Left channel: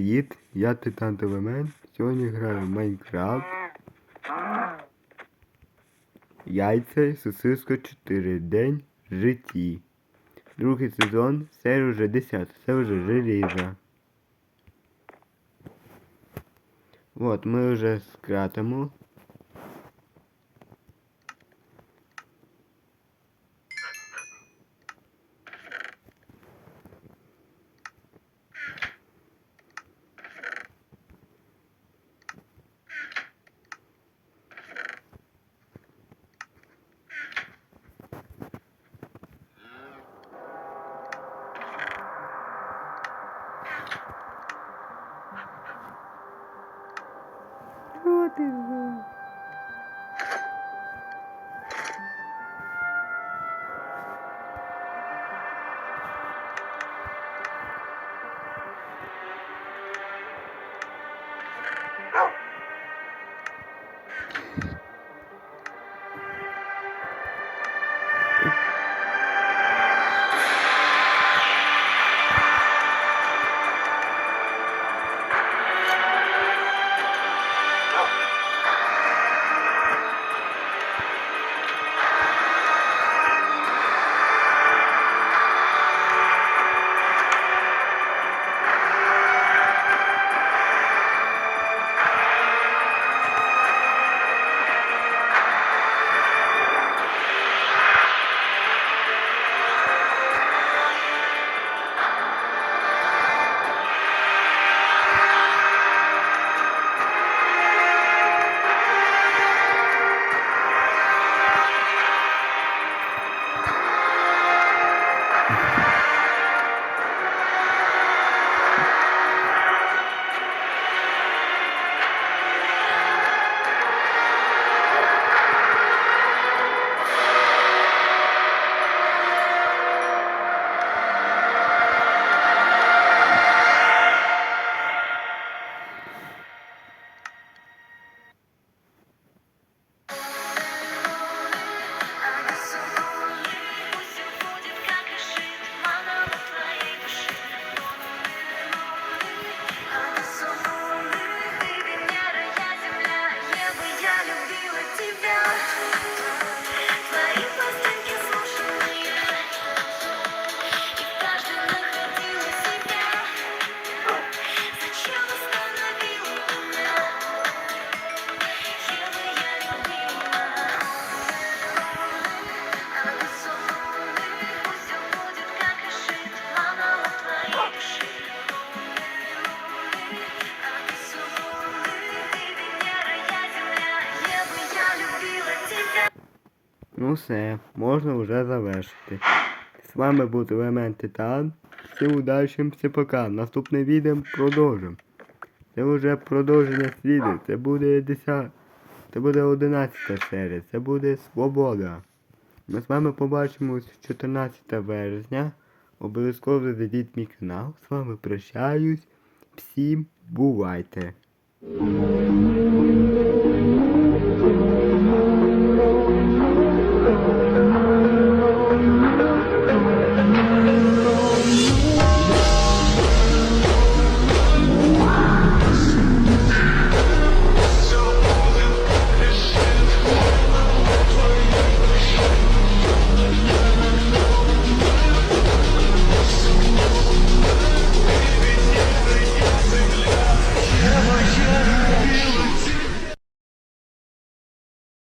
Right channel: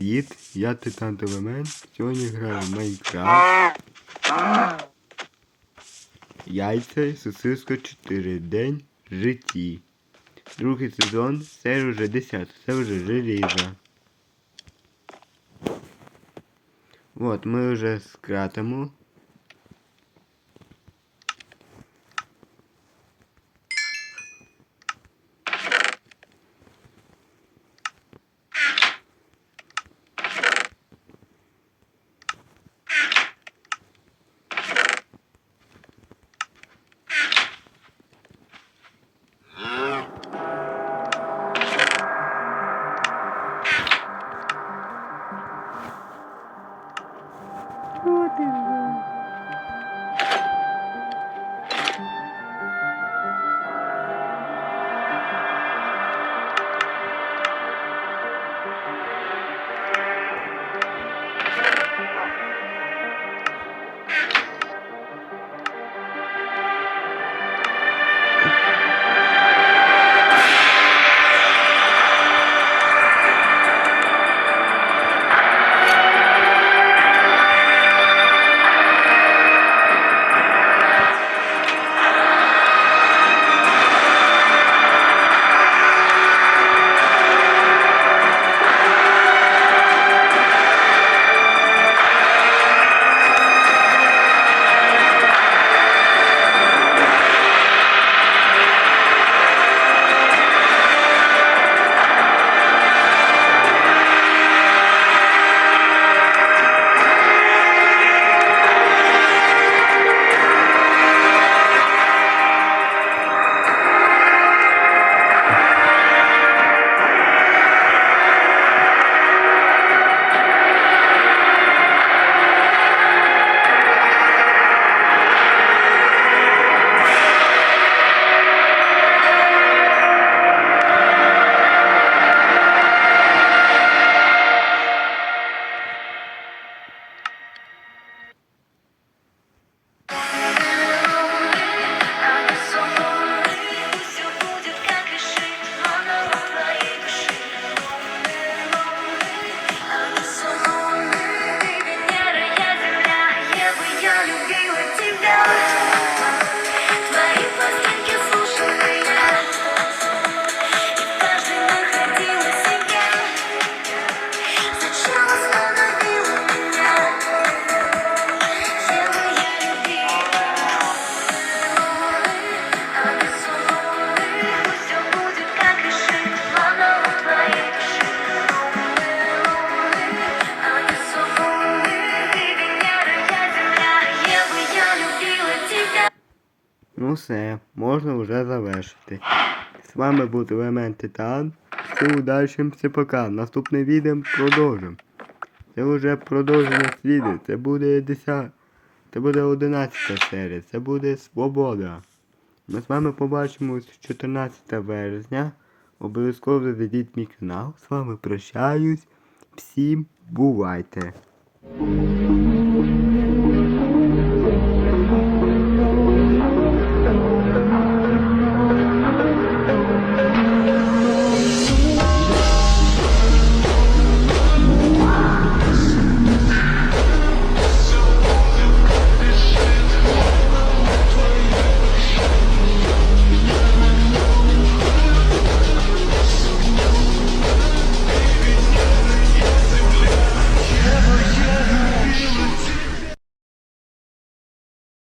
Привіт, я Титан Телемен. Сьогодні граю в Майнкрафт. Яйця і сосиска 4. День в житті. Другий сезон, це вже 10, це вже желізо. От, ми вже скратимо. Happy Ну все, можна вже завершити. З вами був Елемент Титан. Все удачі, все пока. Наступне відео продовжимо. Це вже продовження сліди. Це буде 10. Це буде 11 серія. Це буде Свобода. Ми з вами побачимось 14 березня. Обов'язково зайдіть мій канал. З вами прощаюсь. Всім бувайте!